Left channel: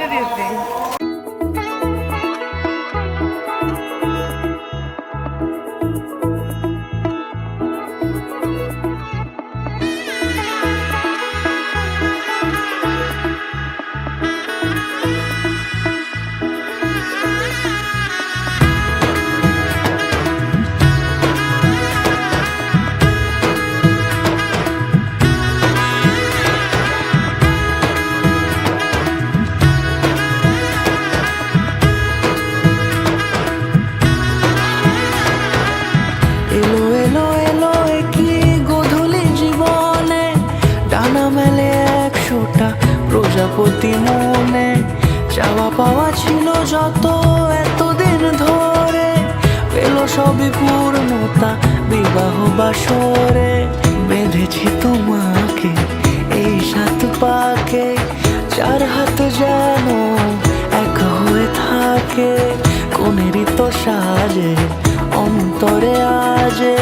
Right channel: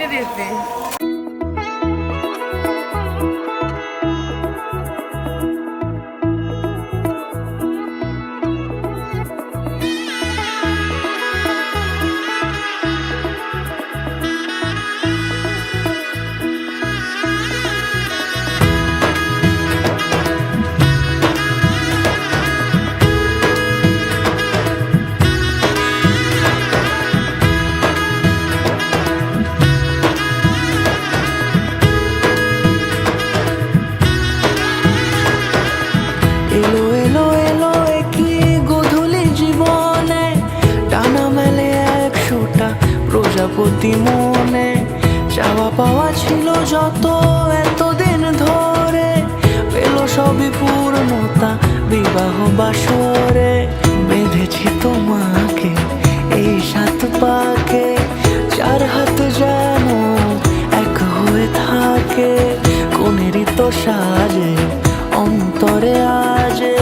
দিতে দিতে এলো এলো এলো কি গধূলি জীবনে, ডানা মেলে 100টা প্রজাপতি মনে। চাওয়া পাওয়া ছিল যত এতদিন ধরে, পেল সবই পূর্ণতা বিবাহ বাসরে। বেঁধেছি তোমাকে এই 7 পাকে, 4 হাত যেন এক হয়ে থাকে। কোনেরই তো সাজে অন্তরে আজে,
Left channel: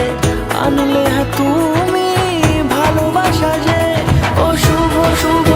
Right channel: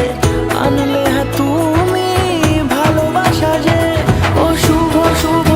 আনলে তুমি ভালোবাসা যে। ও শুভ শুভ